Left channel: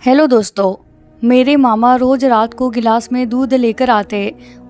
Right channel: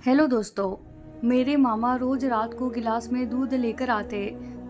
Hello दोस्तों। मेरे मामा रोज रात को गिलास में दूध लेकर आते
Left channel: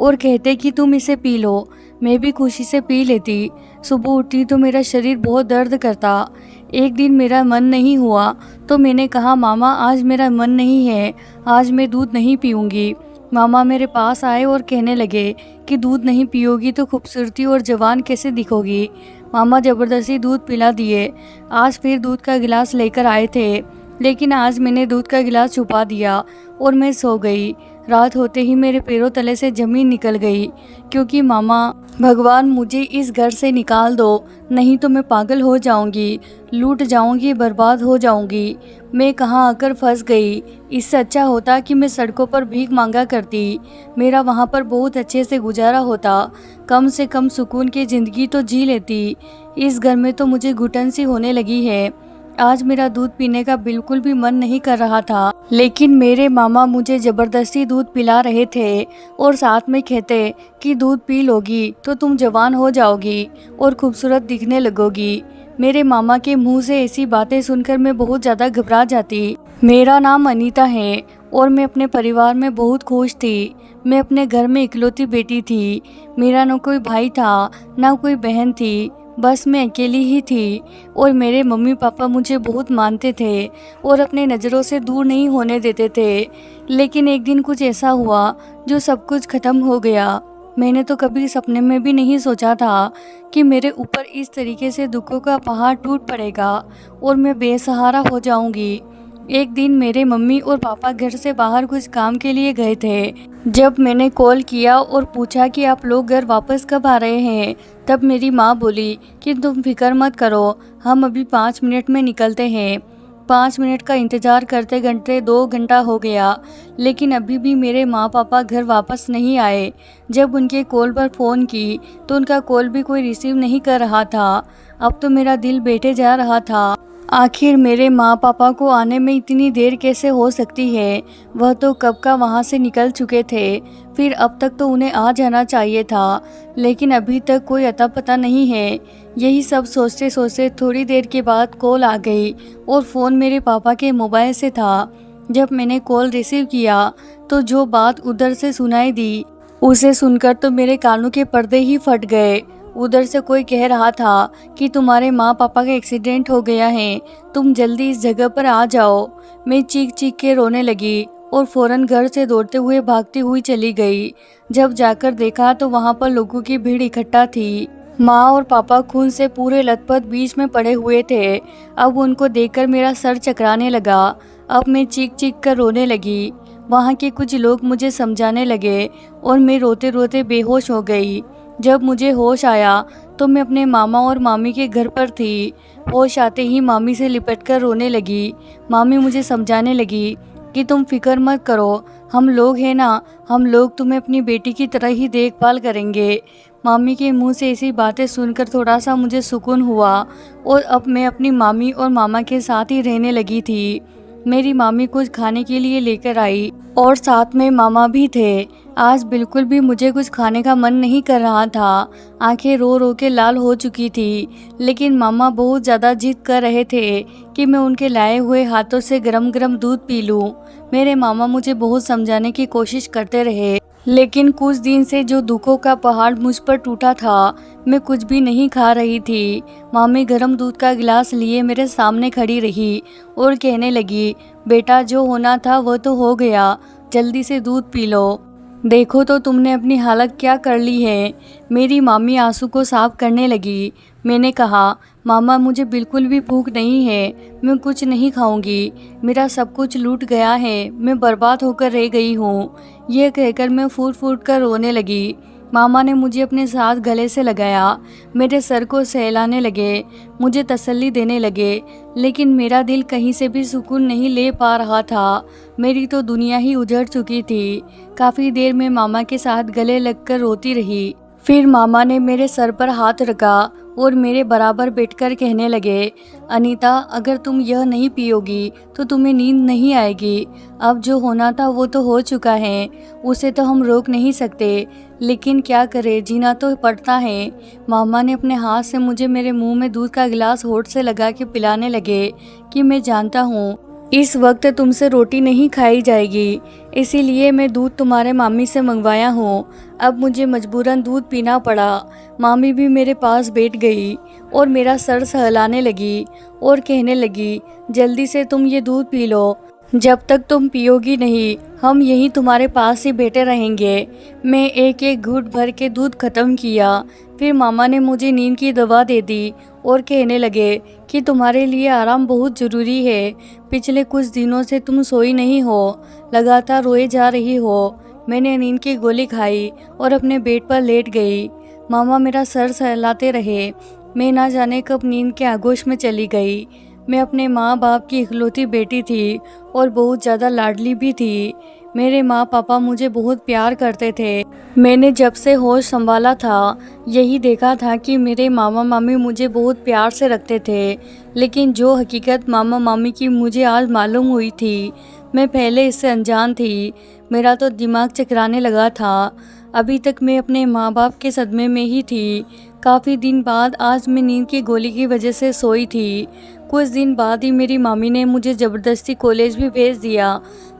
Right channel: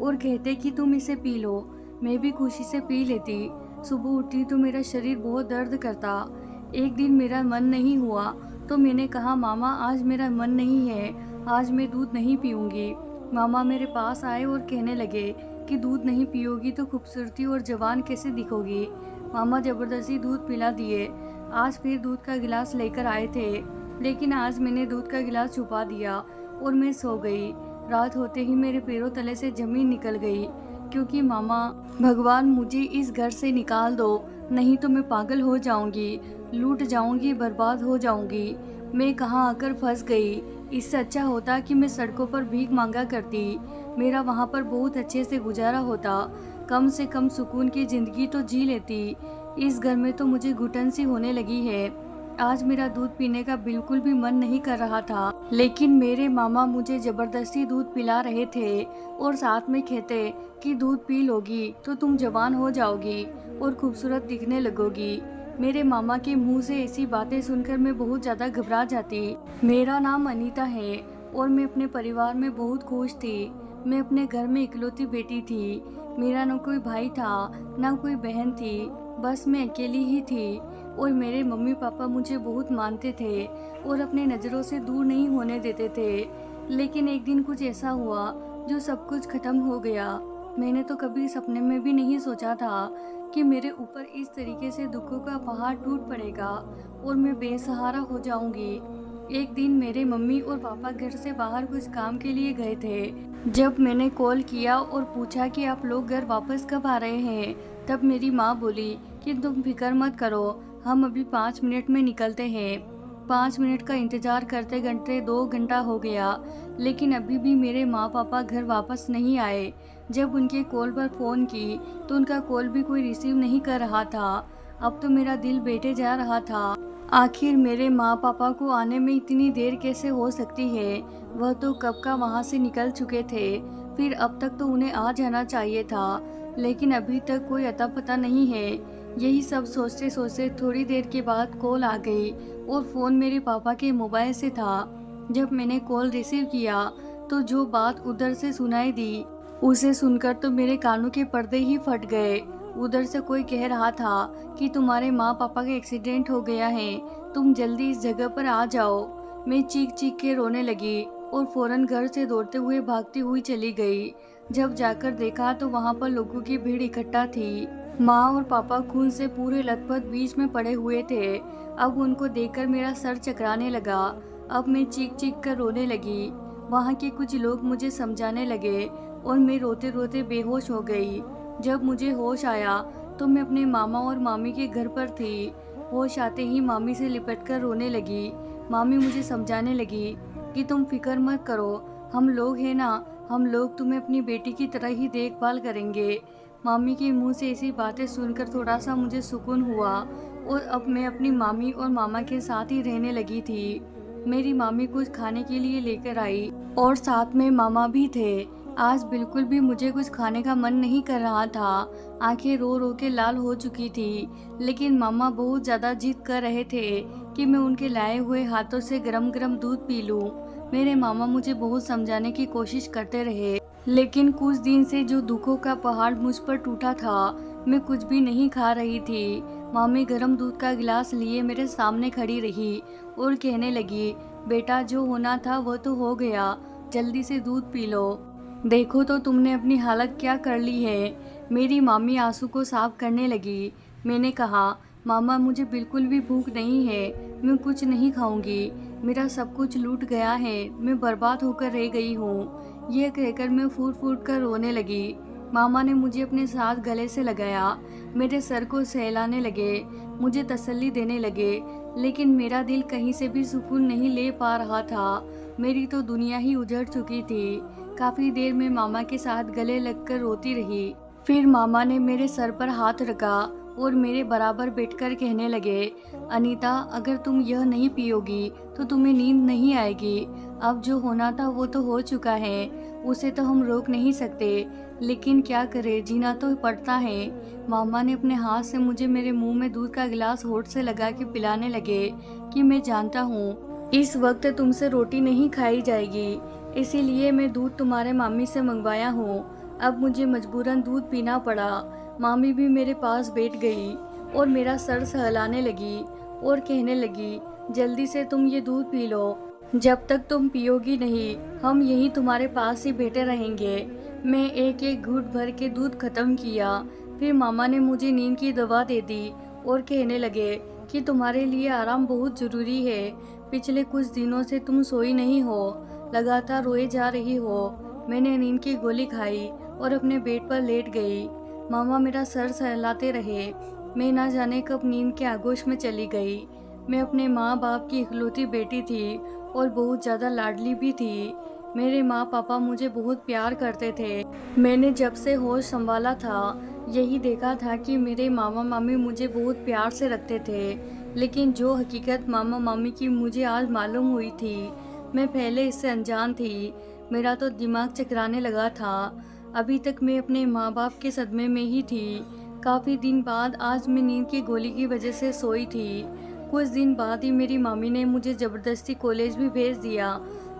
और कहते कि तुम इसे पी लो। मैं भी खुशी से पी लेती। सुबह उठती तो मेरा शरीर बहुत दर्द करता। एक दिन मेरा मन नहीं हुआ तो मैंने कहा, मामा आज मेरा मन नहीं है, आज मैं दूध नहीं पीऊँगी। मामा मेरे पास आए और कहने लगे कि दूध नहीं पियोगी तो खूबसूरती और जवान कैसे दिखोगी। मामा ज़बरदस्ती दूध पिला दिए। आज फिर दूध का गिलास लेकर आए थे, लेकिन आज मैंने दूध का गिलास छुपा दिया और मैं सो गई। रात होते ही मेरे पैरों तले से ज़मीन निकल गई, क्योंकि मामा, भगवान मुझे इस घर से निकाल दो, नहीं तो मैं पागल हो जाऊंगी, लूट जाऊंगी, बर्बाद हो जाऊंगी। मैं कहाँ आकर फंस गई। इससे अच्छा होता कि मैं सड़कों पर भीख मांगा करती। मेरा वहाँ पर बहुत अच्छे से गुजारा होता, कम से कम सुकून की ज़िंदगी तो जी लेती। इस घर में तो मुझे घुटन सी होने लगी है। आज मेरा दूध पीने का बिल्कुल भी मन नहीं कर रहा था, लेकिन मेरे मामा मुझे ज़बरदस्ती दूध पिला रहे थे और साथ में कहते कि दूध पी लोगी तो तुम जवान हो जाओगी और खूबसूरत दिखने लगोगी। मेरे मामा के मुंह से ऐसी बातें सुनकर मैं बहुत ज़्यादा घबरा जाती। मेरा नाम अनीता है और मैं अपने परिवार में बहुत खुश थी। मैं अपने घर में इकलौती बेटी थी। मेरा न कोई भाई था, न कोई बहन थी, बस मैं अकेली ही थी। और मेरे मम्मी पापा मुझे बहुत मानते थे और अपने नज़रों से दूर नहीं होने देते थे। लेकिन एक दिन कुछ ऐसा हुआ जो सब कुछ ख़त्म हो गया। मैंने तो कभी सपने में भी नहीं सोचा था कि मेरे ऊपर इस तरीके से दुखों का पहाड़ टूट पड़ेगा और मैं बेसहारा हो जाऊंगी। एक दिन मेरे मम्मी और पापा घर से बाहर कुछ काम के लिए गए थे। जब मैंने कॉल किया और पूछा कि आप लोग घर वापस कब आ रहे हैं, तब मेरी माँ बोली कि तुम फिक्र मत करो, हम अभी 5 मिनट में निकलते हैं। 5 मिनट का इंतज़ार करते करते 2 घंटा हो गया, लेकिन अभी भी मेरे माँ पापा घर वापस नहीं आए। जब उनके कॉल पर फ़ोन की तो उनका कॉल भी कोई रिसीव नहीं कर रहा था। अब तो मेरा दिल बैठे जा रहा था। आखिर मेरे माँ पापा को आने में इतनी देर कैसे हो सकती है। वह तो कब का वहाँ से निकल चुके थे, फिर अब तक तो उन्हें आ जाना चाहिए था, लेकिन अभी तक कोई अता पता नहीं है। यही सब सोचते सोचते थोड़ी देर के बाद कॉल आ गई और फ़ोन मेरे पापा के मोबाइल से था। जब मैंने कॉल रिसीव किया तो जो बात उधर से सुनाई दी, उसे सुनकर तो मेरे कानों के पर्दे ही फट गए। उधर से कोई कह रहा था कि तुम्हारे माँ पापा का एक्सीडेंट हो गया है, तुम जल्दी इस जगह पर आ जाओ। मैं चीख चीख के रोने लगी और फौरन घर से दौड़ते हुए भागती हुई चली गई। जब जाकर देखा तो वहाँ पर लोगों की भीड़ इकट्ठा थी। माँ और पापा खून से पूरे लथपथ बीच में पड़े हुए थे। अब उनको देखकर मेरा सर चकराने लगा। अब मैं चीख चीख कर रोने लगी। वहाँ के कुछ लोग मुझे समझाने लगे और मैं रोते रोते बेहोश हो गई। जब मुझे होश आया तो मैं अपने मामा और मामी के घर पर थी। होश आते ही मामी से लिपटकर रोने लगी। मामी मुझे समझाने लगी कि तुम फिक्र मत करो, हम लोग हैं ना, हम लोग तुम्हें अपनी बेटी की तरह ही देखभाल करेंगे। मामी के मुंह से ऐसी बातें सुनकर थोड़ा सा मुझे सुकून हुआ और अब मैं अपनी मामी और मामा के साथ ही रहने लगी थी। मेरी मामी कुछ खाने के लिए लेकर आई और साथ में मामा भी थे। आज बिल्कुल भी मुझे कुछ खाने का मन नहीं कर रहा था। आंखें रो रो के लाल हो चुकी थी, लेकिन मामा बहुत ज़्यादा जिद कर रहे थे कि मैं उनके लाए हुए हाथों से गरम गरम दूध पी लूं। मेरे मामा मुझे बहुत समझाने की कोशिश करते रहे, लेकिन कुछ दिन से जो दुखों का पहाड़ मुझ पर टूटा था, मैं कुछ भी नहीं खा रही थी। मामी गरम दूध का गिलास लिए मेरे सामने खड़ी रही और कहने लगी, बेटा जो होना था वो तो हो गया, जल्दी से दूध पी लो। देखो तो तुमने अपनी हालत क्या कर ली है। मेरी मामी आंसू को साफ करने लगी। मैंने कहा, मामा मुझे बिल्कुल भी भूख नहीं है, मैं कुछ नहीं खाऊंगी, मेरा सब कुछ लूट गया है, मैं बर्बाद होकर रह गई हूँ। यह कहकर मैं फूट फूट कर रोने लगी। मामा ने मुझे अपने साथ गले से लगाया, मेरे सर को सहलाने लगे, मुझे तसल्ली देने लगे, लेकिन मेरा दिल कहीं से भी सुकून नहीं ले पा रहा था। मेरी तो दुनिया ही उजड़ चुकी थी। काफ़ी देर में मामा के साथ गले लगकर रोती रही। फिर मामा ने मेरे सर पर हाथ रखा और मेरे बराबर बैठकर कहने लगे, अनीता अगर तुम यह नहीं पियोगी तो तुम्हें नींद नहीं आएगी। अब जो होना था वो तो हो चुका है, उसे तो हम रोक नहीं सकते, लेकिन क्या करें, जीना तो पड़ता है। मामा ने अपने हाथ से मुझे मेरे मुंह में दूध का गिलास होठ से लगा के पिलाने लगे कि मैं जानता हूँ इस वक्त तुमसे रोटी नहीं खाई जाएगी, इसीलिए मैं दूध तुम्हारे मामी से मंगवाया हूँ। अब मुझे मजबूरन दूध पीना पड़ा। मामी भी मेरे पास बैठ गई और मेरा सर सहलाने लगी और कहने लगी, जल्दी से तुम ये दूध पी लो। जब तक तुम पियोगी नहीं, हम यहीं तुम्हारे पास ही बैठे रहेंगे। मैं एक एक घूंट भर के दूध खत्म किया। फिर मामा ने मुझे नींद की दवा दे दी और कहने लगे कि तुम्हारे लिए आराम बहुत ज़रूरी है। पिछले कुछ दिनों से तुम सोई नहीं हो, लगातार रोए जा रही हो। मैंने नींद की गोली खाई और अपने बेड पर लेट गई। मामा मेरा सर सहलाते रहे। मैं ना जाने कब नींद के आगोश में चली गई। मैं अपने माँ बाप की इकलौती बेटी थी और बहुत ज़्यादा लाडली भी थी। मेरे माँ पापा मुझे बहुत प्यार करते थे। मैंने जब से होश संभाला था, यही देखा था कि मेरे मामा मामी मुझे बहुत प्यार से रखते थे। लेकिन जो हकीकत मामा मामी की मुझे आज मालूम हुई थी, मैं पहले इससे अनजान थी। मेरा तो दिमाग चकराने लगा था। अभी तक मैं अपने माँ बाप के सदमे में ही थी। काफ़ी दिन बाद आज मैं नींद की गोली की वजह से सोई थी। कुछ दिन बाद ही मेरी मामी ने मुझे ज़बरदस्ती कॉलेज भी भेज दिया।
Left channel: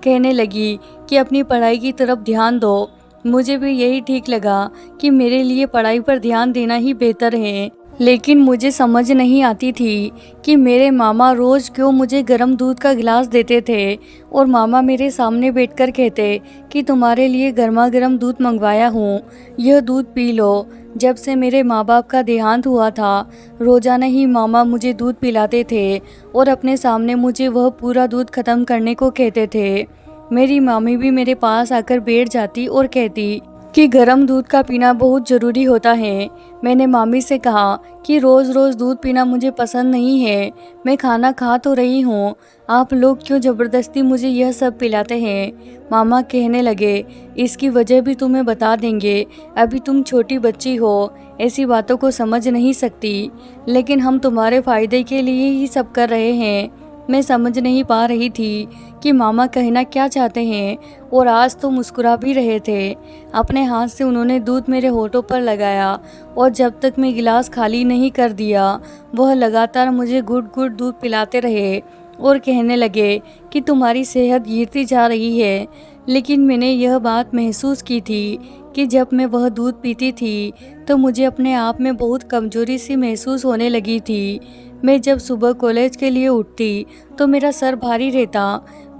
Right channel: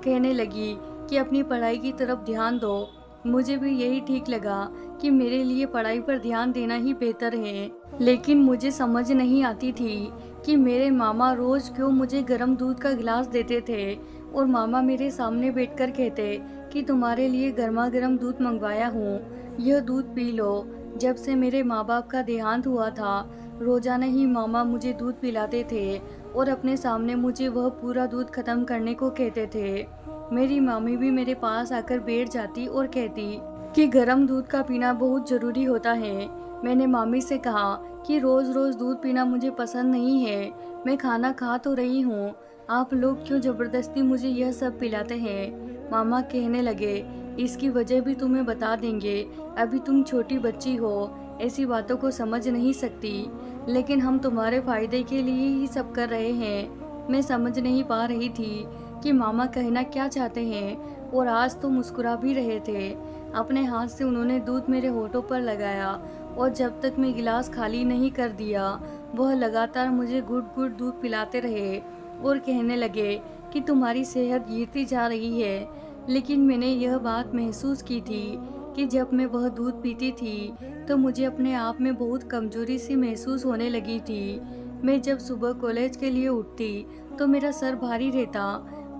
कहने लगी कि अपनी पढ़ाई की तरफ ध्यान दो। मुझे भी यही ठीक लगा कि मेरे लिए पढ़ाई पर ध्यान देना ही बेहतर है। लेकिन मुझे समझ नहीं आती थी कि मेरे मामा रोज़ क्यों मुझे गर्म दूध का गिलास देते थे और मामा मेरे सामने बैठकर कहते कि तुम्हारे लिए गर्मा गर्म दूध मंगवाया हूँ, यह दूध पी लो। जब से मेरे माँ बाप का देहांत हुआ था, रोज़ाना ही मामा मुझे दूध पिलाते थे और अपने सामने मुझे वह पूरा दूध ख़त्म करने को कहते थे। मेरी मामी भी मेरे पास आकर बैठ जाती और कहती कि गर्म दूध का पीना बहुत ज़रूरी होता है। मैंने मामी से कहा कि रोज़ रोज़ दूध पीना मुझे पसंद नहीं है। मैं खाना खा तो रही हूँ, आप लोग क्यों ज़बरदस्ती मुझे यह सब पिलाते हैं। मामा कहने लगे, इसकी वजह भी तुम्हें बता देंगे। अभी तुम छोटी बच्ची हो, ऐसी बातों को समझ नहीं सकती, लेकिन हम तुम्हारे फ़ायदे के लिए ही सब कर रहे हैं। मैं समझ नहीं पा रही थी कि मामा कहना क्या चाहते हैं और आज तो मुस्कुरा भी रहे थे। अपने हाथ से उन्होंने दूध मेरे होठों पर लगाया और जब तक मैं गिलास खाली नहीं कर दिया, वह लगातार मुझे घुट घुट दूध पिलाते रहे और कहने लगे कि तुम्हारी सेहत गिरती जा रही है। लेकिन मैंने यह बात महसूस की थी कि जब मैं वह दूध पीती थी तो मुझे अपने आप में बहुत कमजोरी सी महसूस होने लगी थी। मैं जब सुबह कॉलेज के लिए उठती तो मेरा सर भारी रहता।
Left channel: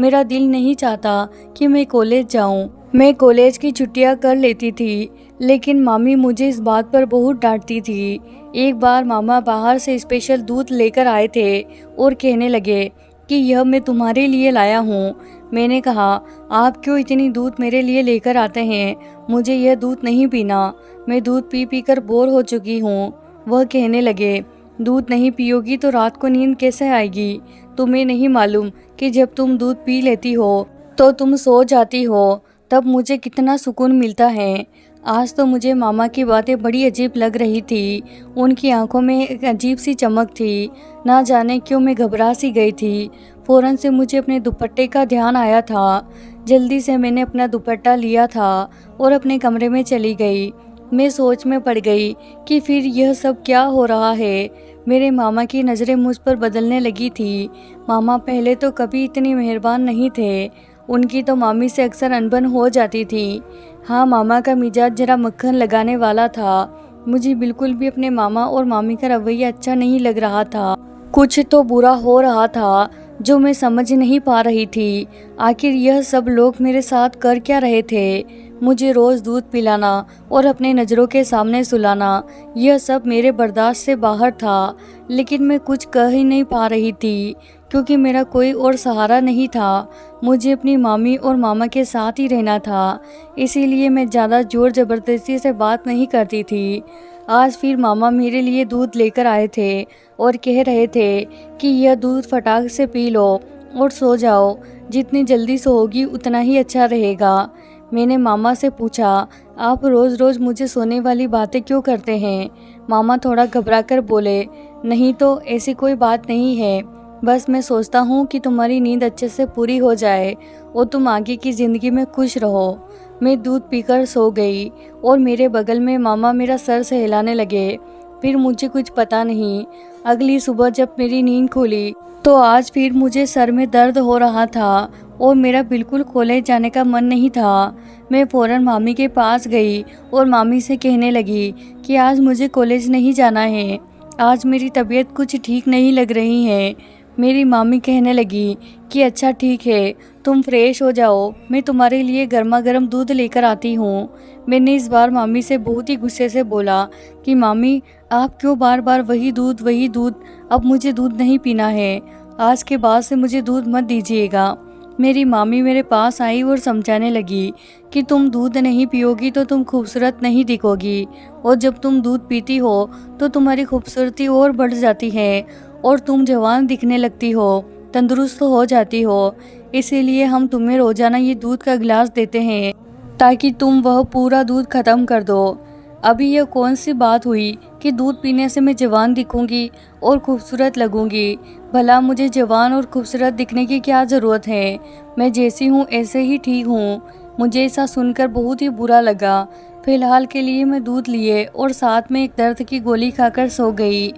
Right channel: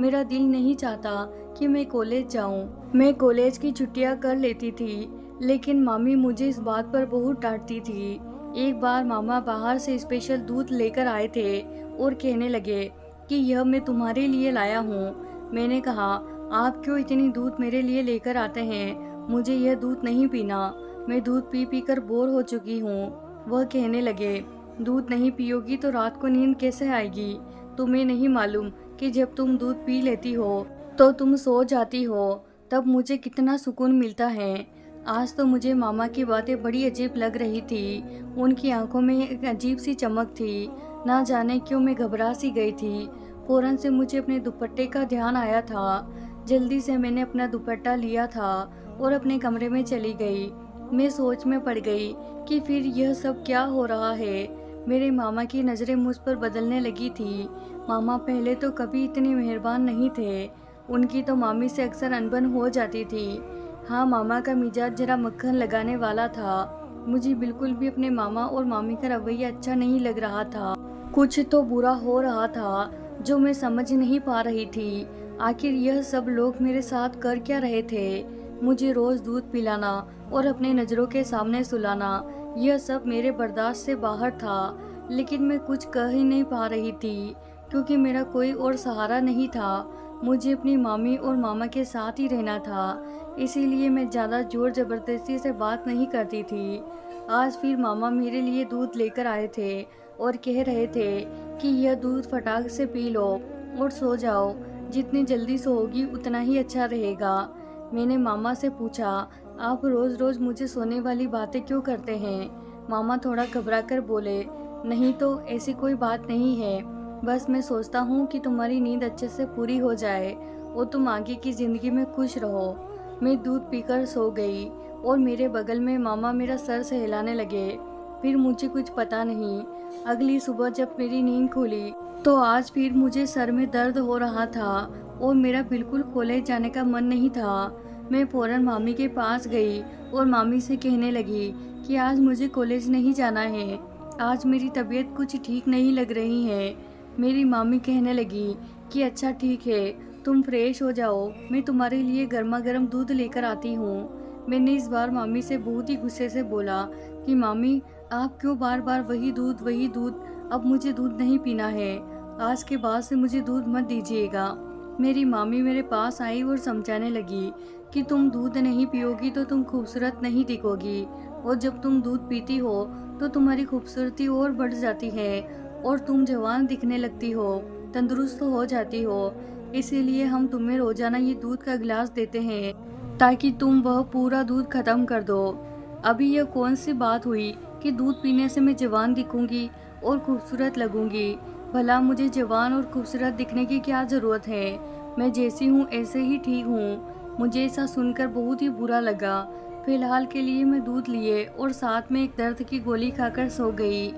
मेरा दिल नहीं चाहता कि मैं कॉलेज जाऊं। मैं कॉलेज की छुट्टियां कर लेती थी, लेकिन मामी मुझे इस बात पर बहुत डांटती थी। एक बार मामा बाहर से स्पेशल दूध लेकर आए थे और कहने लगे कि यह मैं तुम्हारे लिए लाया हूँ। मैंने कहा, आप क्यों इतनी दूध मेरे लिए लेकर आते हैं? मुझे यह दूध नहीं पीना, मैं दूध पी पी कर बोर हो चुकी हूँ। वह कहने लगे, दूध नहीं पियोगी तो रात को नींद कैसे आएगी? तुम्हें नहीं मालूम कि जब तुम दूध पी लेती हो तो तुम सो जाती हो, तब मुझे कितना सुकून मिलता है। आज तो मुझे मामा की बातें बड़ी अजीब लग रही थी। उनकी आंखों में एक अजीब सी चमक थी। ना जाने क्यों मैं घबरा सी गई थी। फौरन से मुझे अपने दुपट्टे का ध्यान आया था। जल्दी से मैंने अपना दुपट्टा लिया था और अपने कमरे में चली गई। मैं सोच में पड़ गई कि फिर यह सब क्या हो रहा है। मेरे मामा की नज़रें मुझ पर बदलने लगी थी। मामा पहले तो कभी इतनी मेहरबान नहीं थे। उनकी तो मामी से अक्सर अनबन हो जाती थी। हाँ, मामा का मिजाज जरा मक्खन लगाने वाला था। मुझे बिल्कुल भी अपने मामा और मामी का रवैया अच्छा नहीं लग रहा था। कुछ तो बुरा हो रहा था जो मैं समझ नहीं पा रही थी। आखिर यह सब लोग मेरे साथ कर क्या रहे थे? मुझे रोज़ दूध पिलाना और अपने नज़रों के सामने सुलाना, यह सब मेरे बर्दाश्त से बाहर था। लेकिन मैं कुछ कह ही नहीं पा रही थी क्योंकि मेरा कोई और सहारा नहीं था। मुझे अपनी मामी और मामा के साथ ही रहना था, इसीलिए मैं ज़्यादा ज़ोर ज़बरदस्ती से बात नहीं करती थी। आज फिर मामा मेरे लिए दूध लेकर आए थे और कह रहे थे कि यह दूध फटाक से पी लो और सो जाओ। जितनी जल्दी सोओगी उतना ही अच्छा रहेगा। मैंने मामा से पूछा, आप रोज़ रोज़ मुझे सोने वाली बातें क्यों करते हैं? मामा थोड़ा घबराकर बोले, नहीं तो ऐसी कोई बात नहीं है, बस मैं सोचता हूँ कि तुम्हारी नींद अच्छे से पूरी हो जाए और तुम आगे की ज़िंदगी में खुश रहो। मैं दूध पीकर सो गई और मेरे बगल में मामा मेरा सर सहलाने लगे। फिर मुझे कुछ पता नहीं, अगली सुबह जब मेरी नींद खुली तो आज फिर मुझे सर में दर्द हो रहा था और मेरा बिल्कुल कॉलेज जाने का मन नहीं था। मैं फ़ौरन मामी के पास गई और मामी से कहने लगी कि आज मुझे कॉलेज नहीं जाना है, आज मेरी तबीयत कुछ ठीक नहीं लग रही है। मेरी मामी कहने लगी कि अच्छा ठीक है, तुम फ्रेश हो जाओ, मैं तुम्हारे लिए गर्मा गर्म दूध लेकर आती हूँ। मैंने इस बार मामी से बहुत ही गुस्से से बोला कि मामी, आप क्यों बार बार वही दूध, अब मुझे दूध नहीं पीना है, आज के बाद से मुझे दूध मत दीजिएगा। मेरी मामी मेरे पास आई और समझाने लगी कि तुम दूध नहीं पियोगी तो तुम खूबसूरत नहीं दिखोगी, और जब तुम दूध पीती हो तो तुम्हारी खूबसूरती और बढ़ जाती है और तुम जवान दिखने लगती हो, तंदुरुस्त हो जाती हो। इसीलिए हम तुम्हें रोजाना ये दूध का गिलास देते हैं ताकि तुम वह पूरा दूध खत्म कर दो। अभी यह कौन सी बात हुई कि दूध पीने से मैं जवान दिखूंगी और खूबसूरत लगूंगी? भला मुझे जवान और खूबसूरत दिखने की क्या ज़रूरत है? मैं जैसी हूँ ऐसे ही ठीक हूँ। मुझे ऐसा सुनकर बहुत ही बुरा लगा। फिलहाल के लिए मैं दूध लिए और साथ में एक दर्द की गोली खाकर सो गई।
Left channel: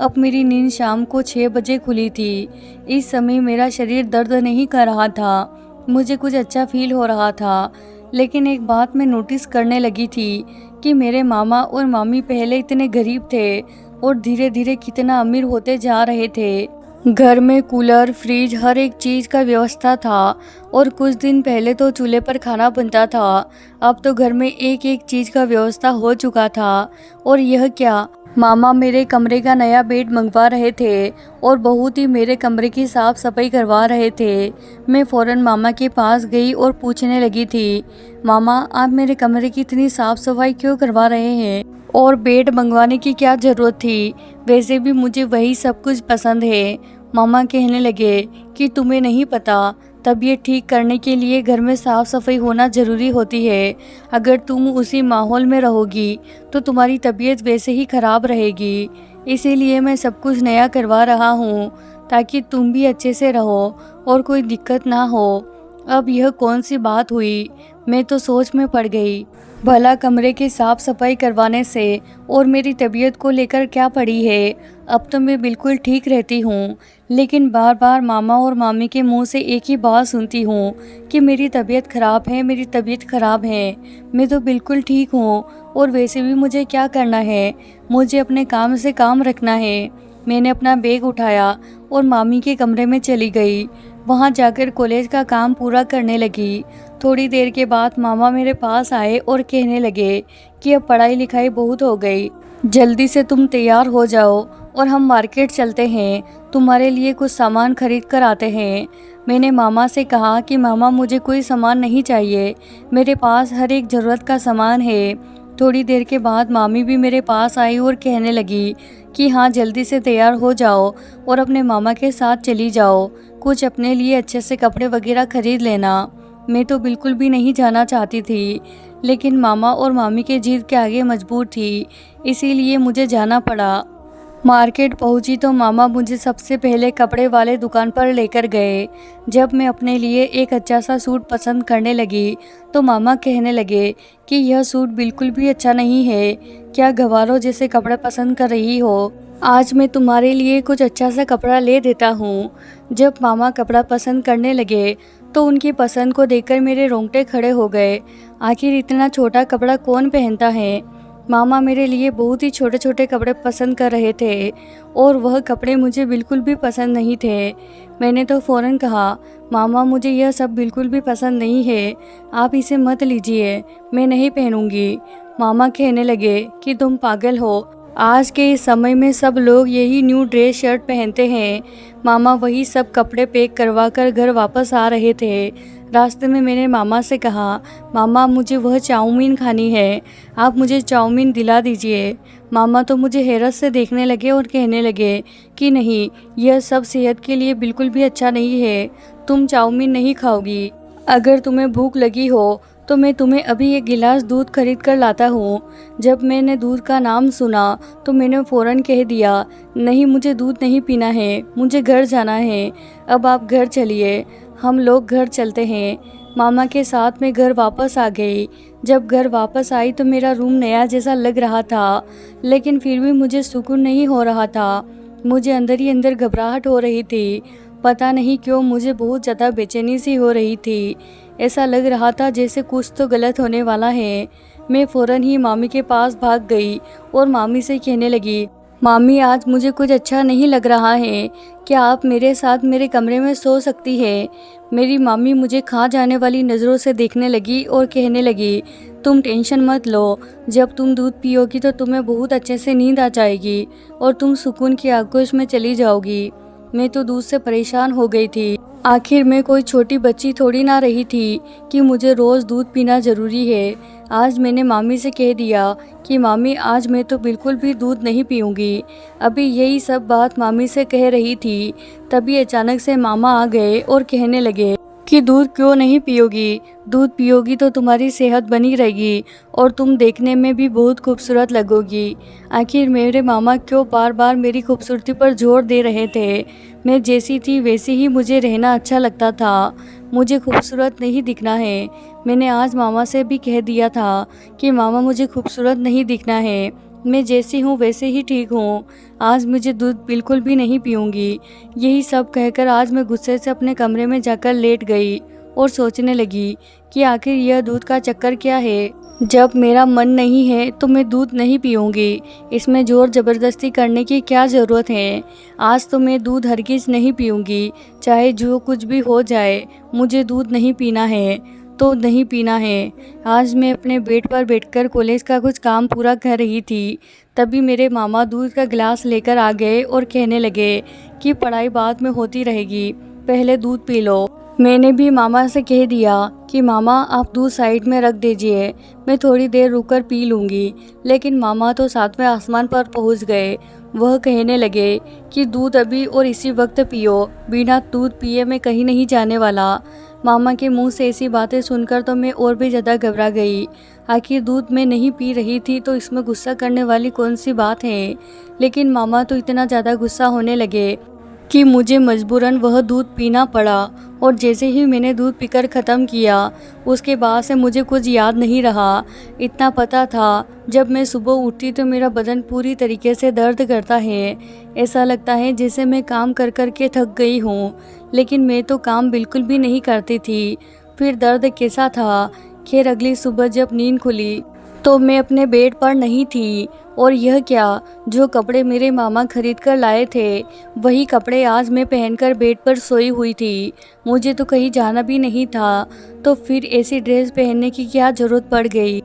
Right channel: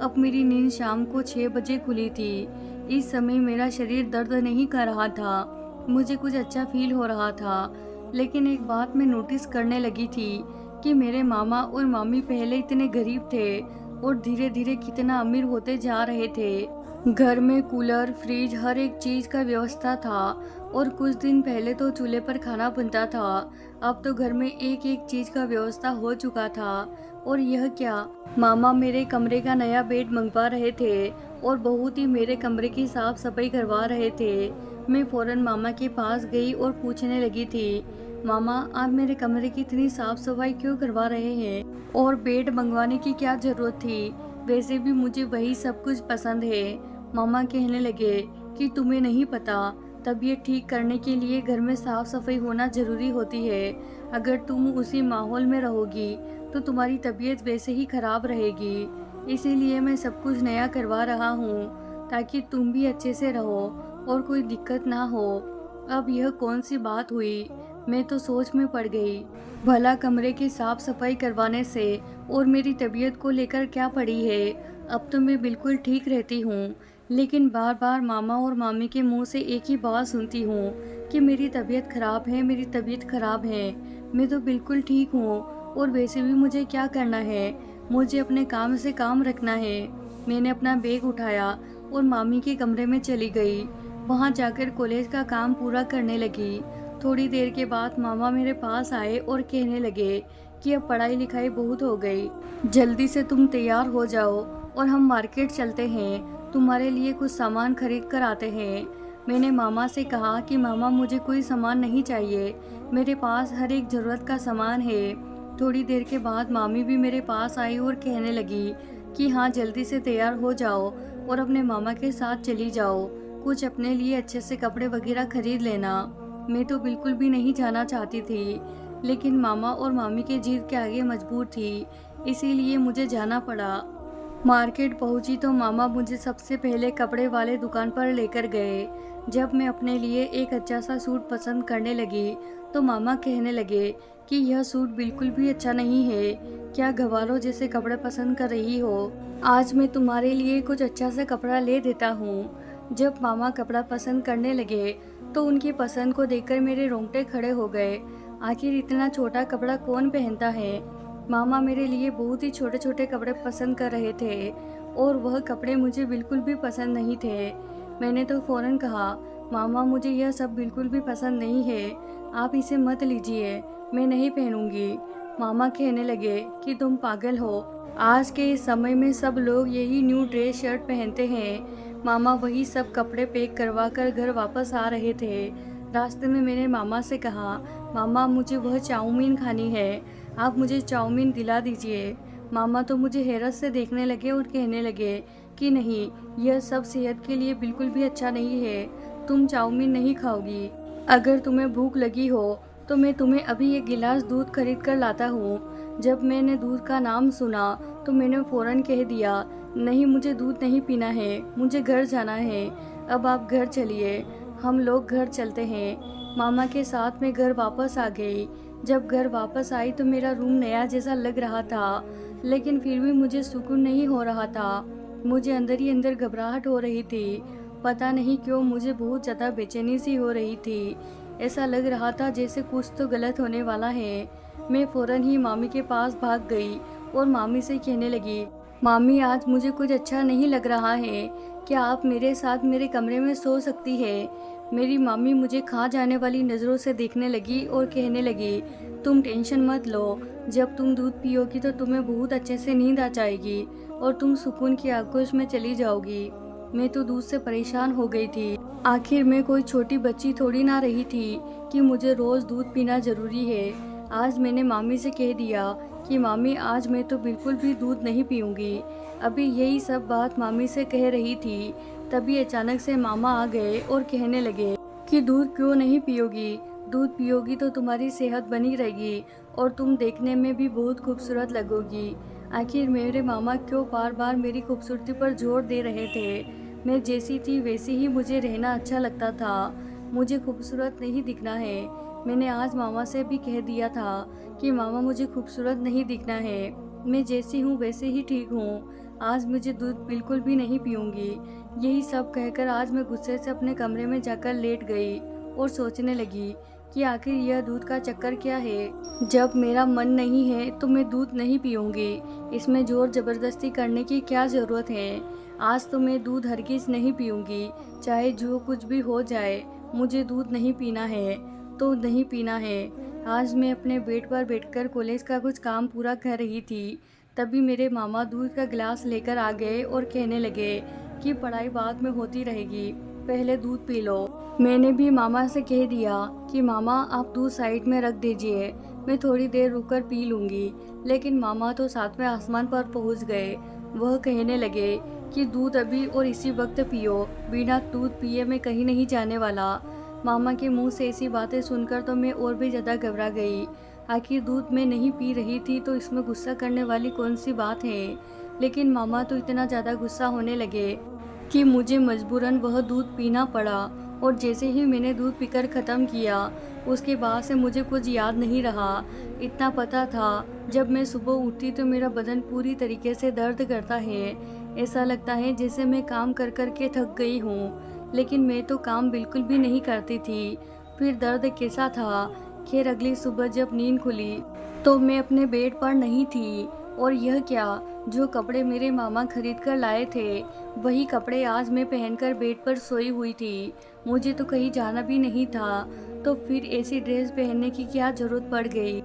अब मेरी नींद शाम को 6 बजे खुली थी। इस समय मेरा शरीर दर्द नहीं कर रहा था, मुझे कुछ अच्छा फील हो रहा था। लेकिन एक बात मैं नोटिस करने लगी थी कि मेरे मामा और मामी पहले इतने गरीब थे और धीरे धीरे कितना अमीर होते जा रहे थे। घर में कूलर, फ्रिज, हर एक चीज़ का व्यवस्था था और कुछ दिन पहले तो चूल्हे पर खाना बनता था। अब तो घर में एक एक चीज़ का व्यवस्था हो चुका था। और यह क्या, मामा मेरे कमरे का नया बेड मंगवा रहे थे और बहुत ही मेरे कमरे की साफ़ सफाई करवा रहे थे। मैं फ़ौरन मामा के पास गई और पूछने लगी थी, मामा आप मेरे कमरे की इतनी साफ़ सफाई क्यों करवा रहे हैं और बेड मंगवाने की क्या ज़रूरत थी? वैसे भी मुझे वही सब कुछ पसंद है। मामा कहने लगे कि तुम्हें नहीं पता, तबीयत ठीक करने के लिए घर में साफ़ सफाई होना ज़रूरी होती है। अगर तुम उसी माहौल में रहोगी तो तुम्हारी तबीयत वैसे ही ख़राब रहेगी। इसीलिए मैं सब कुछ नया करवा रहा हूँ ताकि तुम भी अच्छे से रहो और कोई दिक्कत ना हो। अब यह कौन सी बात हुई? मैं तो सोच में पड़ गई। भला कमरे की साफ़ सफाई करवाने से और मेरी तबीयत को लेकर क्या पड़ी है? अब तो मैं बिल्कुल ठीक रहती हूँ, लेकिन बार बार मामा और मामी के मुंह से एक ही बात सुनती हूँ कि मेरी तबीयत ख़राब है, मेरी तबीयत ख़राब है। मैं तो बिल्कुल ठीक हूँ और वैसे भी मुझे क्या करना है, मुझे अपने काम से काम रखना है। मैंने अपना बैग उठाया और मामी के कमरे में चली गई। वहाँ जाकर कॉलेज का काम पूरा करने लगी। थोड़ी देर के बाद मामा मेरे पास आए और कहने लगे कि अब पढ़ाई लिखाई बहुत हो गई, जल्दी से तुम तैयार हो जाओ और हम मार्केट चलते हैं, तुम्हारे लिए कुछ सामान खरीद कर आते हैं। मैंने मामा से कहा कि मामा मुझे कोई सामान नहीं चाहिए, मेरे पास हर एक ज़रूरत का सामान है। थोड़ी देर के बाद मामी भी मेरे पास आई और कहने लगी कि हाँ जल्दी से तैयार हो जाओ और अपने मामा के साथ चली जाओ, कुछ अपने लिए अच्छे से कपड़े वगैरह खरीद लेना। मैं तो बिल्कुल भी नहीं जाना चाहती थी, लेकिन मामा और मामी के जिद के आगे मजबूर थी, इसीलिए मुझे जाना पड़ा। मार्केट पहुंची तो मामा मुझे सबसे पहले कपड़े वाले दुकान पर लेकर गए। जब मैं अपने लिए एक अच्छा सा सूट पसंद करने लगी तो मामा कहने लगे कि यह सूट बिल्कुल भी अच्छा नहीं है, क्या गवारों जैसे कपड़े पसंद कर रही हो? आज मैं तुम्हारे लिए कुछ अच्छा सा कपड़ा ले देता हूँ। जब मामा कपड़ा पसंद करने लगे तो उनकी पसंद को देखकर मेरे रोंगटे खड़े हो गए। आखिर इतना छोटा कपड़ा कौन पहनता है? मामा मेरे लिए बहुत ही छोटे छोटे कपड़े पसंद कर रहे थे और वह कपड़े मुझे बिल्कुल भी पसंद नहीं थे। मैंने तो फ़ौरन कहा, मामा मुझे यह सब बिल्कुल भी पसंद नहीं है, आप इसे मत लीजिए, मैं नहीं पहनूंगी। मामा कहने लगे कि तुम पागल हो, आज के इस समय में सब लोग यही न्यू ड्रेस शर्ट पहनते हैं। मामा वही सब कपड़े पैक करवा कर घर वापस आ रहे थे। रास्ते में मैंने मामा से कहा, मामा मुझे वह चाउमीन खानी है, आप मुझे चाउमीन दिला दीजिए। मामा तो मुझे हैरत से देखने लगे और कहने लगे कि नहीं, यह सब सेहत के लिए बिल्कुल भी अच्छा नहीं है, तुम चाउमीन नहीं खाओगी। अगर तुम्हें भूख लगी हो तो मैं तुम्हें अभी एक गिलास दूध खरीद कर लाता हूँ। जब मैंने दूध का नाम सुना तो मैंने फ़ौरन कह दिया, नहीं मुझे दूध नहीं पीना है, मुझे घर जाना है। अब आप घर चलिए, हम लोग घर चलते हैं। मामा के साथ मैं घर वापस आ गई। जब घर वापस आई तो मेरा रूम नया जैसा लग रहा था, लेकिन फिर भी मुझे सुकून नहीं हो रहा था। मुझे अंदर ही अंदर घबराहट हो रही थी। पता नहीं क्यों मुझे बहुत ज़्यादा बेचैनी सी हो रही थी। ऐसा लग रहा था जैसे कुछ तो गलत होने वाला है। मैं फ़ौरन ही मामी के पास भाग गई और मामी से कहने लगी, मामी आज मुझे कुछ अच्छा नहीं लग रहा है, क्या आप मेरे साथ मेरे कमरे में सो सकती है? मेरी मामी मुझे खा जाने वाली नज़रों से देखने लगी और कहने लगी, तुम टेंशन मत लो, जब तुम दूध पियोगी तो तुम्हें बहुत अच्छे से नींद आ जाएगी और तुम सुकून की आगोश में चली जाओगी। मैं तो दूध से परेशान हो गई थी। आखिर मैं कोई छोटी बच्ची थोड़ी ना रही थी कि मुझे रोज़ दूध पीना ज़रूरी है। आज मैंने मामी से कह दिया कि मामी आज मैं तो बिल्कुल भी दूध नहीं पीऊँगी। अभी यही सब बात मामी से कह रही थी, तभी अचानक से मामा आ गए और कहने लगे कि दूध क्यों नहीं पियोगी? दूध पियोगी तो तुम्हारी सेहत बनी रहेगी और तुम देखने में भी बहुत खूबसूरत लगोगी। आखिर मेरे मामा क्यों बार बार मेरी खूबसूरती पर जोर दे रहे थे? मैं जैसी थी वैसे ही मुझे रहना अच्छा लगता था। मुझे खूबसूरत नहीं दिखना है। मैंने आज मामा से भी कह दिया था कि मामा मुझे खूबसूरत नहीं दिखना है, मैं जैसी हूँ वैसे ही ठीक हूँ। आज मुझे दूध बिल्कुल भी नहीं पीऊँगी। यही सब कहकर आज मैं गुस्से से अपने कमरे में जाकर लेट गई और सोचने लगी कि आखिर यह दूध का चक्कर क्या है। जब मेरा मन नहीं है तो मैं दूध नहीं पीऊँगी। इसमें ज़ोर ज़बरदस्ती करने की क्या ज़रूरत है। आज तो मैं दूध हरगिज़ नहीं पीऊँगी, चाहे जो कुछ भी हो जाए। मुझे दूध नहीं पीना है तो नहीं पीना है। आज मैं अपने बेड पर बैठकर कॉलेज का कुछ काम पूरा कर रही थी, तभी मेरे मामा दूध का गिलास लेकर आ गए और कहने लगे कि पढ़ाई बाद में होती रहेगी, पहले दूध पी लो। मैंने भी मामा से कह दिया कि मामा आप दूध साइड में रख दीजिए, मैं थोड़ी देर रुककर पी लूँगी। लेकिन मामा तो सातवें आसमान पर पहुँच गए। वह कहने लगे कि दूध अभी और इसी वक्त पियो, बिना दूध पिए मैं कहीं नहीं जाने वाला। मामा के मुंह से ऐसी बातें सुनकर तो मैं और भी ज़्यादा घबरा गई। आखिर दूध मैं नहीं पी रही थी तो इसमें गुस्सा करने वाली कौन सी बात है। लेकिन मामा तो इतना ज़्यादा गुस्सा होने लगे कि मुझे मजबूरन वह दूध पीना पड़ा। और जैसे ही मैंने दूध पीकर ख़त्म किया, उसके बाद से मुझे कुछ याद नहीं रहा। इतना पता था जब मैं सुबह उठती तो मेरा बदन पूरी तरीके से दर्द करता है। ऐसा लगता है जैसे मैं काम कर कर के थक गई हूँ, लेकिन मैं तो काम बिल्कुल भी नहीं करती थी। फिर दर्द कैसा था? खैर अगली सुबह जब नींद खुली तो मैं अपने बेड पर नहीं थी। और यह क्या, जो कपड़े मेरे मामा खरीद कर लाए थे वही कपड़े आज मैं पहनकर बेड पर सोई हुई थी। मुझे तो कहीं जाना भी नहीं था, तो फिर ऐसी ड्रेस पहनने की क्या ज़रूरत पड़ गई।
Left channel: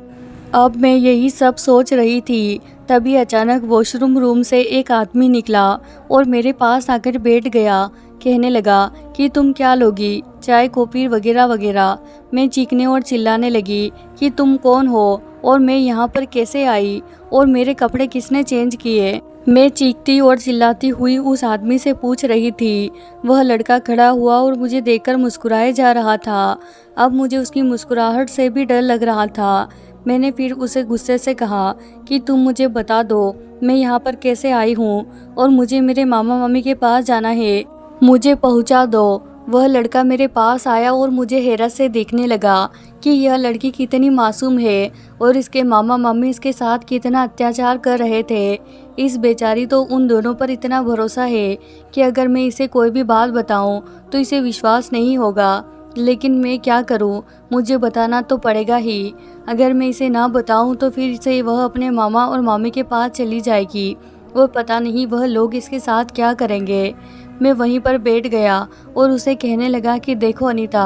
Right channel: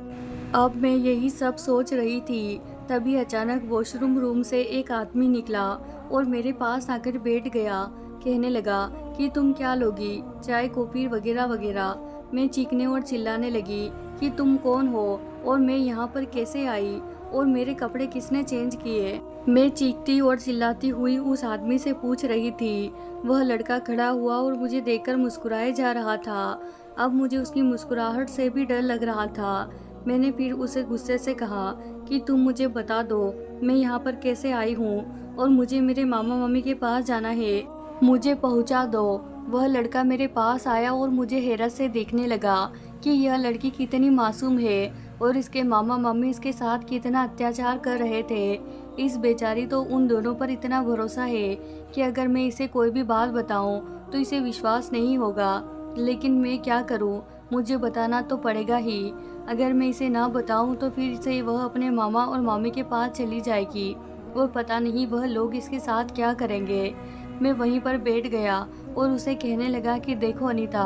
अब मैं यही सब सोच रही थी, तभी अचानक वॉशरूम रूम से एक आदमी निकला और मेरे पास आकर बैठ गया। कहने लगा कि तुम क्या लोगी, चाय कॉफ़ी वगैरह वगैरह। मैं चीखने और चिल्लाने लगी कि तुम कौन हो और मैं यहाँ पर कैसे आई और मेरे कपड़े किसने चेंज किए। मैं चीखती और चिल्लाती हुई उस आदमी से पूछ रही थी। वह लड़का खड़ा हुआ और मुझे देखकर मुस्कुराए जा रहा था। अब मुझे उसकी मुस्कुराहट से भी डर लग रहा था। मैंने फिर उसे गुस्से से कहा कि तुम मुझे बता दो मैं यहाँ पर कैसे आई हूँ और मुझे मेरे मामा मामी के पास जाना है, मुझे पहुँचा दो। वह लड़का मेरे पास आया और मुझे हैरत से देखने लगा कि यह लड़की कितनी मासूम है और इसके मामा मम्मी इसके साथ कितना अत्याचार कर रहे थे। इस बेचारी तो उन दोनों पर इतना भरोसा है कि अगर मैं इसे कोई भी बात बताऊं तो इसे विश्वास नहीं होगा। लेकिन मैं क्या करूं, मुझे बताना तो पड़ेगा ही। अगर मैं इसे ना बताऊं तो फिर से वह अपने मामा और मामी के पास चली जाएगी और पता नहीं वह लोग इसके साथ क्या करेंगे। मैं वहीं पर बैठ गया और उसे कहने लगा कि देखो अनीता,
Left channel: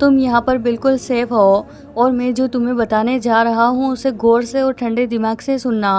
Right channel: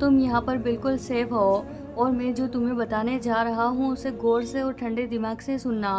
तुम यहाँ पर बिल्कुल सेफ हो और मैं जो तुम्हें बताने जा रहा हूँ उसे गौर से और ठंडे दिमाग से सुनना।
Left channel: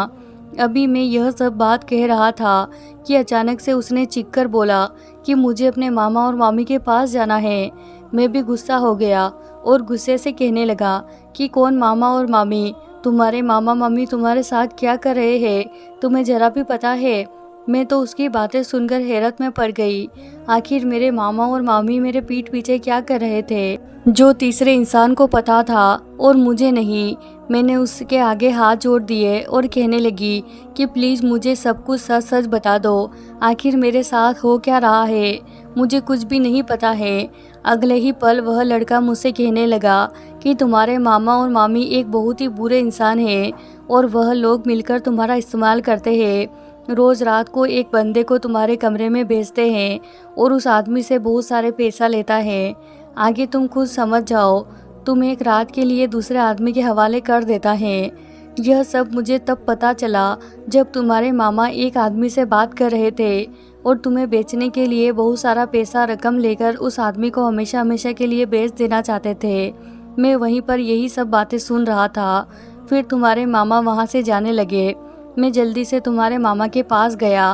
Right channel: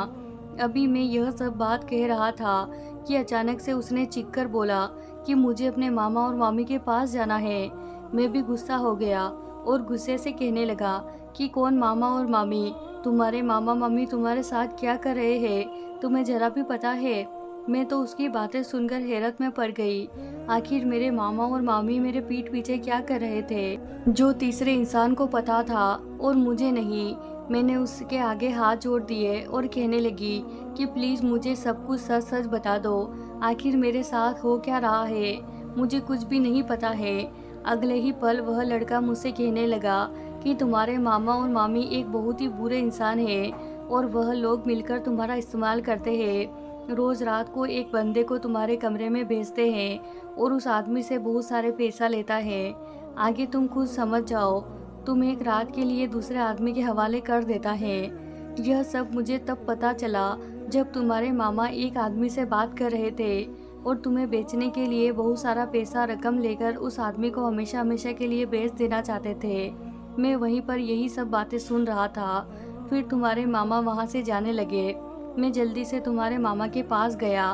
अभी मैं यह सब बात कह रहा था कि अचानक से उसने चीख कर बोला कि मुझे अपने मामा और मामी के पास जाना है। मैं भी गुस्सा हो गया और गुस्से से कहने लगा कि कौन मामा और मामी? तुम्हारे मामा मम्मी तुम्हारे साथ क्या कर रहे हैं, तुम्हें जरा भी पता है? मैं तो उसकी बातें सुनकर हैरत में पड़ गई। आखिर मेरे मामा और मामी मेरे पीठ पीछे क्या कर रहे थे, जो तीसरे इंसान को पता था और मुझे नहीं। मैंने उसके आगे हाथ जोड़ दिए और कहने लगी कि प्लीज़ मुझे सब कुछ सच सच बता दो। आखिर मेरे साथ हो क्या रहा है, मुझे कुछ भी नहीं पता है। अगले ही पल वह लड़का मुझसे कहने लगा कि तुम्हारे मामा और मामी एक बहुत ही बुरे इंसान हैं और वह लोग मिलकर तुम्हारा इस्तेमाल करते हैं। रोज़ रात को एक बंदे को तुम्हारे कमरे में भेजते हैं और उस आदमी से बहुत सारे पैसा लेता है। आगे तुम खुद समझ जाओ। तुम एक रात के लिए दूसरे आदमी के हवाले कर देता है। यह सब मुझे तब पता चला जब तुम्हारे मामा एक आदमी से बात कर रहे थे और तुम्हें बेचने के लिए बहुत सारा पैसा रकम लेकर उस आदमी को हमेशा हमेशा के लिए बेच देना चाहते थे। मैं वहीं पर यही सब बातें सुन रहा था। फिर तुम्हारे मामा वहाँ से जाने लगे। मैं जल्दी से तुम्हारे मामा के पास गया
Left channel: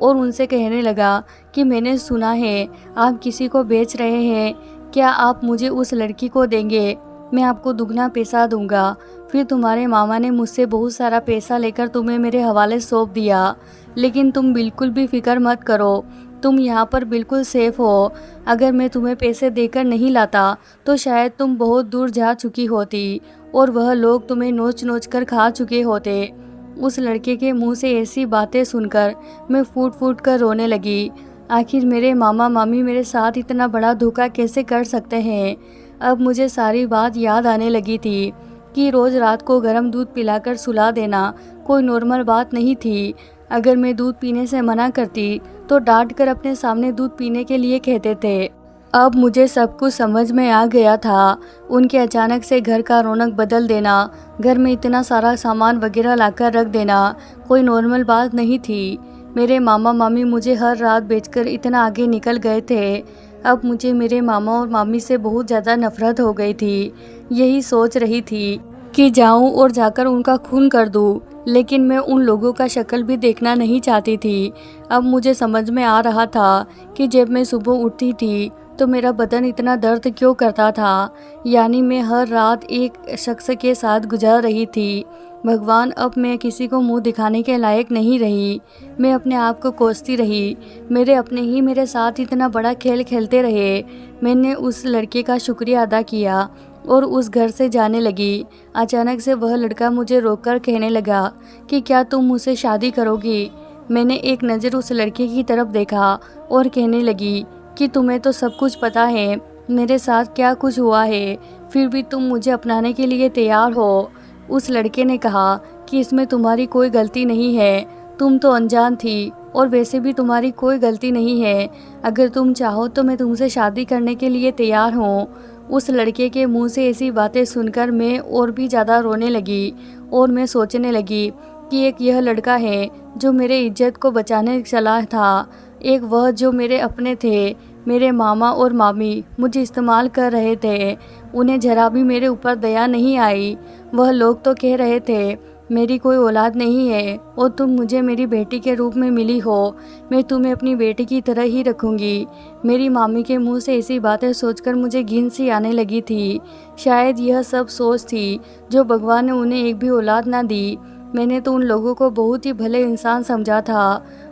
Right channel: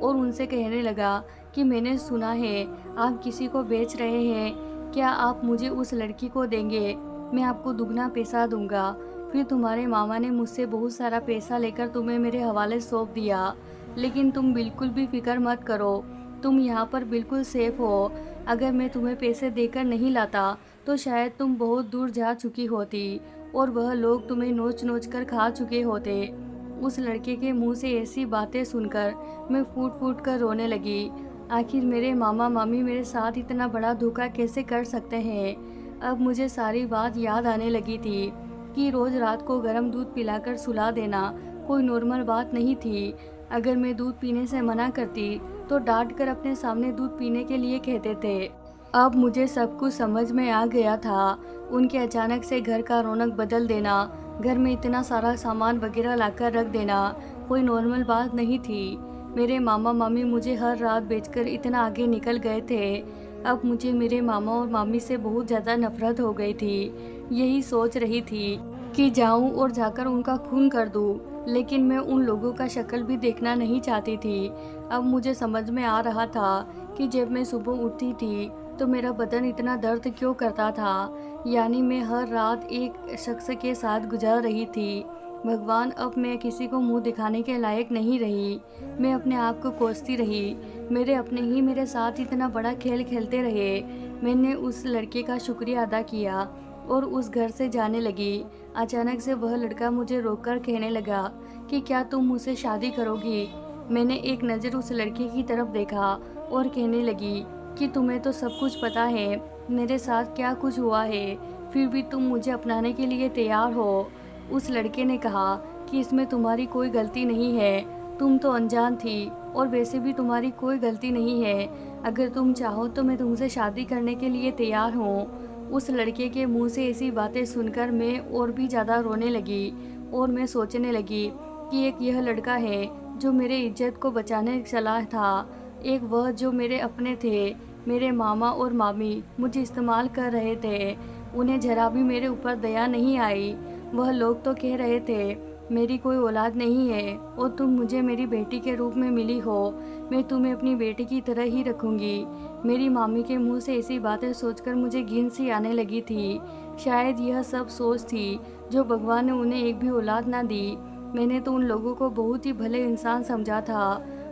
और उनसे कहने लगा कि मैंने सुना है आप किसी को बेच रहे हैं, क्या आप मुझे उस लड़की को देंगे? मैं आपको दुगना पैसा दूंगा। फिर तुम्हारे मामा ने मुझसे बहुत सारा पैसा लेकर तुम्हें मेरे हवाले सौंप दिया। लेकिन तुम बिल्कुल भी फिक्र मत करो, तुम यहाँ पर बिल्कुल सेफ हो। अगर मैं तुम्हें पैसे देकर नहीं लाता तो शायद तुम बहुत दूर जा चुकी होती और वह लोग तुम्हें नोच नोच कर खा चुके होते। उस लड़के के मुंह से ऐसी बातें सुनकर मैं फूट फूट कर रोने लगी। आखिर मेरे मामा मामी मेरे साथ इतना बड़ा धोखा कैसे कर सकते हैं? अब मुझे सारी बात याद आने लगी थी कि रोज़ रात को गर्म दूध पिलाकर सुला देना कोई नॉर्मल बात नहीं थी। अगर मैं दूध पीने से मना करती तो डांट कर अपने सामने दूध पीने के लिए कहते थे। अब मुझे सब कुछ समझ में आ गया था। उनके अचानक से घर का रौनक बदल देना, घर में इतना सारा सामान वगैरह लाकर रख देना कोई नॉर्मल बात नहीं थी। मेरे मामा मामी मुझे हर रात बेचकर इतना आगे निकल गए थे। अब मुझे मेरे मामा और मामी से बहुत ज़्यादा नफरत हो गई थी। यही सोच रही थी कि जाऊं और जाकर उनका खून कर दूं, लेकिन मैं उन लोगों का शक्ल भी देखना नहीं चाहती थी। अब मुझे समझ में आ रहा था कि जब मैं सुबह उठती थी तो मेरा बदन इतना दर्द क्यों करता था। यानी मैं हर रात एक शख्स के साथ गुजार रही थी। भगवान, अब मैं किसी को मुंह दिखाने के लायक नहीं रही। मैं अपने आप को कोसती रही। मेरे अपने ही मेरे साथ इतना बड़ा खेल खेलते रहे। मैंने उस लड़के का शुक्रिया अदा किया और उस घर से जाने लगी। अचानक से वह लड़का मुझे रोककर कहने लगा कि क्या तुम मुझसे शादी करोगी? मैंने एक नज़र उस लड़के की तरफ देखा और कहने लगी कि तुम्हें तो सब कुछ पता है मेरे साथ क्या कुछ हुआ है, फिर भी तुम मुझे अपनाने के लिए तैयार हो। उस लड़के ने कहा कि इसमें तुम्हारी कोई गलती नहीं है, तुम तो अनजान थी और वैसे भी तुम्हारी कोई गलती नहीं है। अगर तुम चाहो तो मैं तुमसे शादी करने के लिए तैयार हूँ। उस लड़के के मुंह से ऐसी बातें सुनकर मैं और भी ज़्यादा रोने लगी और मैं सोचने लगी कि एक यह लड़का है जो मेरे इज्जत को बचाने चला था, एक वह जो मेरे अपने थे। मेरे मामा और मामी मुझे इस्तेमाल कर रहे थे। उन्हें जरा भी मेरे ऊपर दया नहीं आई। वह लोग तो कह रहे थे मेरी कोई औलाद नहीं है और तुम मुझे मेरी बेटी के रूप में मिली हो, मैं तुम्हें अपनी बेटी की तरह ही रखूँगी। मेरी मामी के मुंह से ऐसी बातें सोचकर मुझे घिन सी आने लगी थी। शायद यह सब सोच थी जो भगवान ने उन्हें एक भी औलाद ना दी। मैंने तो उन लोगों को बहुत ही भले इंसान समझा था।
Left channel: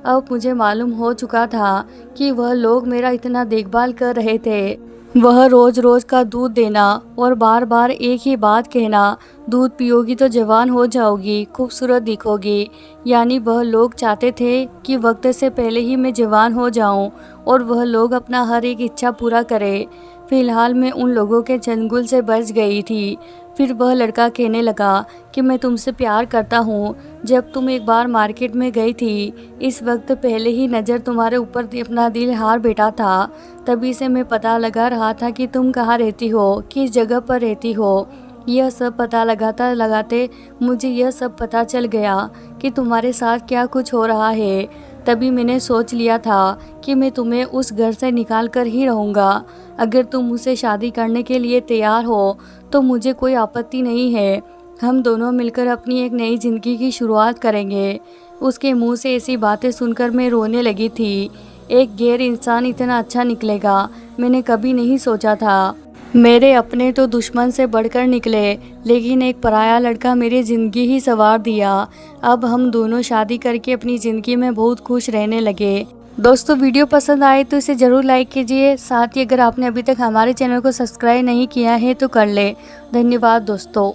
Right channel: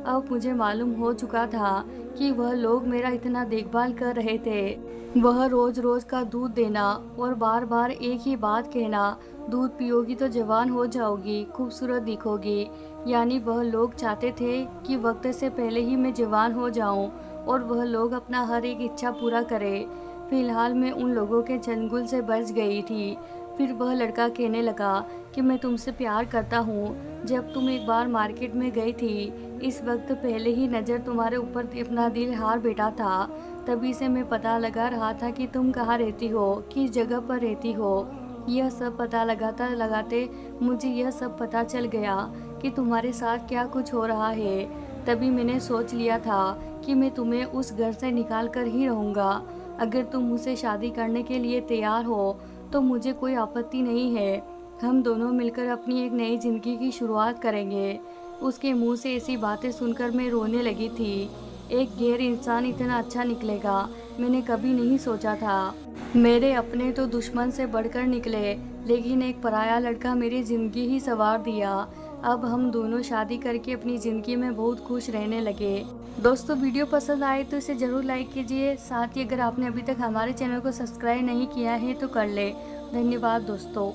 अब मुझे मालूम हो चुका था कि वह लोग मेरा इतना देखभाल कर रहे थे। वह रोज़ रोज़ का दूध देना और बार बार एक ही बात कहना, दूध पियोगी तो जवान हो जाओगी, खूबसूरत दिखोगी। यानी वह लोग चाहते थे कि वक्त से पहले ही मैं जवान हो जाऊं और वह लोग अपना हर एक इच्छा पूरा करें। फिलहाल मैं उन लोगों के चंगुल से बच गई थी। फिर वह लड़का कहने लगा कि मैं तुमसे प्यार करता हूँ। जब तुम एक बार मार्केट में गई थी, इस वक्त पहले ही नज़र तुम्हारे ऊपर अपना दिल हार बैठा था। तभी से मैं पता लगा रहा था कि तुम कहाँ रहती हो, किस जगह पर रहती हो। यह सब पता लगाते लगाते मुझे यह सब पता चल गया कि तुम्हारे साथ क्या कुछ हो रहा है। तभी मैंने सोच लिया था कि मैं तुम्हें उस घर से निकाल कर ही रहूँगा। अगर तुम मुझसे शादी करने के लिए तैयार हो तो मुझे कोई आपत्ति नहीं है। हम दोनों मिलकर अपनी एक नई ज़िंदगी की शुरुआत करेंगे। उसके मुंह से ऐसी बातें सुनकर मैं रोने लगी थी। एक गैर इंसान इतना अच्छा निकलेगा मैंने कभी नहीं सोचा था। मेरे अपने तो दुश्मन से बढ़कर निकले, लेकिन एक पराया लड़का मेरी ज़िंदगी ही संवार दिया। अब हम दोनों शादी करके अपनी ज़िंदगी में बहुत खुश रहने लगे। दोस्तों, वीडियो पसंद आए तो इसे ज़रूर लाइक कीजिए। साथ ही अगर आपने अभी तक हमारे चैनल को सब्सक्राइब नहीं किया है तो कर ले। धन्यवाद दोस्तों।